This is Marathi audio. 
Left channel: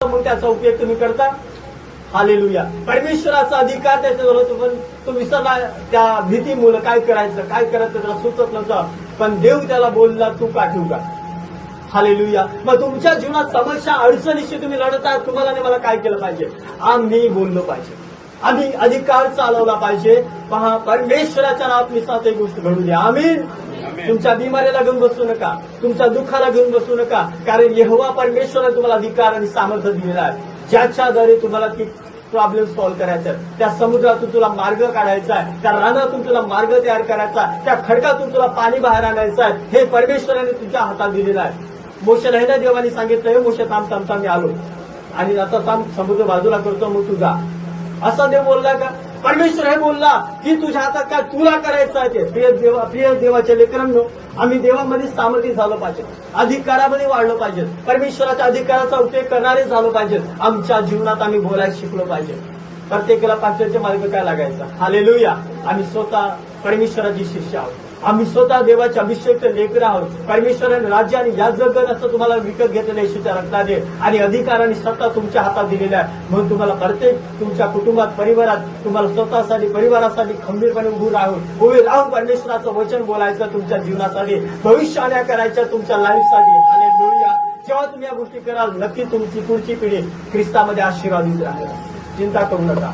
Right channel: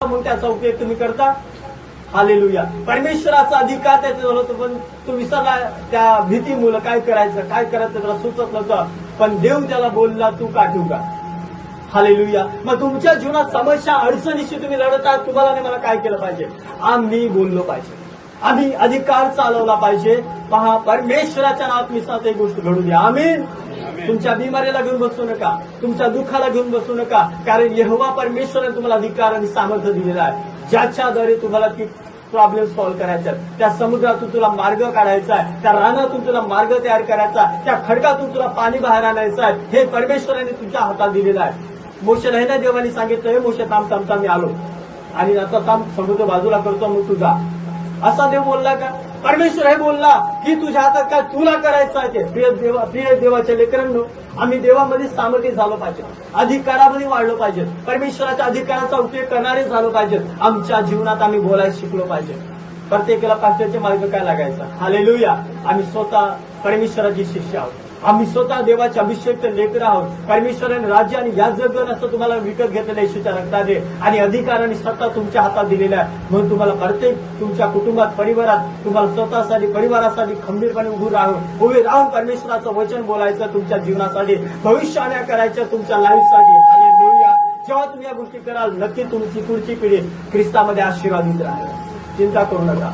मग त्याचा उपयोग तुम्ही करता. हालेलुया. परमेश्वराचा अधिकार त्याच्याजवळ होतो, पण तो विसरला त्या भीतीमुळे. काय करायचं त्याला सुचत नव्हतं. पण देव त्याला बोलला, तू काठीव का. हालेलुया. मग तुमच्या जीवनात समस्या अडचणीशी तुम्ही लढत आहात. तुम्हाला आणि मला काय केलं पाहिजे? आम्ही बोललो पाहिजे, आम्ही अधिकार चालवला पाहिजे. पहा, परमेश्वराच्या नावात निसात एक गोष्ट घडू द्या. आमीन. तुमच्या बिमारीला घेऊन बसू नका, तुमच्या दुःखाला घेऊन बसू नका, कारण यहोवा परमेश्वराने तुम्हाला अधिकार आणि सामर्थ्य दिलेला आहे, ज्याच्याद्वारे तुम्हाला ती प्रॉब्लेम सॉल्व्ह करायचा आहे. त्या समुद्रातून तुला मार्ग काढायचा आहे, त्या रानातून तुला मार्ग तयार करायचा आहे, त्या खडकातून तुला पाणी बाहेर आणायचं आहे. हे परमेश्वराने तुमच्या हातात दिलेलं आहे. मोशेला हे ना देवाने सांगितलं, मोशे थांब थांब थांब, मी आलो आणि आता थांब, समुद्र बाजूला करतो, मग तुझा. असा देव बोलला का? परमेश्वर हे बोलला की तुझ्या हातात काय तुला करायचं आहे ते. प्रिय देवाच्या लेकरांनो, आम्ही देवामध्ये सामर्थ्य झालं पाहिजे, अधिकारामध्ये वाढलो पाहिजे, परमेश्वराच्या अधिकाराचा उपयोग करणारे झालो पाहिजे. आमच्या जीवनात आम्ही बोलायला शिकलो पाहिजे. प्रत्येकाला पास्टरचे मार्ग काय लागायचा. हालेलुया. आम्ही स्वतः परमेश्वराची शिष्य आहोत, आम्ही स्वतः देवाच्या अभिषेकचे लेकर आहोत. परमेश्वराने राज्य आणि या जगत असं तुम्हाला विकत घेतलेल्या येशूच्या रक्ताने आणि अधिकाराने स्वतः तुमच्या हातात दिलेला आहे. म्हणून तुम्हाला प्रत्येक तुमच्या कुटुंबात, परिवारात तुम्हाला स्वतःसाठी, परिवारासाठी खंबीरपणे उभे राहून परमेश्वराचं वचन बोलायचं, तुमच्या जीवनासाठी भविष्याने करायचं, तुमच्या लाईफसाठी. हालेलुया. जेव्हा तुम्ही या गोष्टी कराल, नक्की तुमची पुढची पिढी ख्रिस्तामध्ये आशीर्वादित राहील. चिंता करू नका.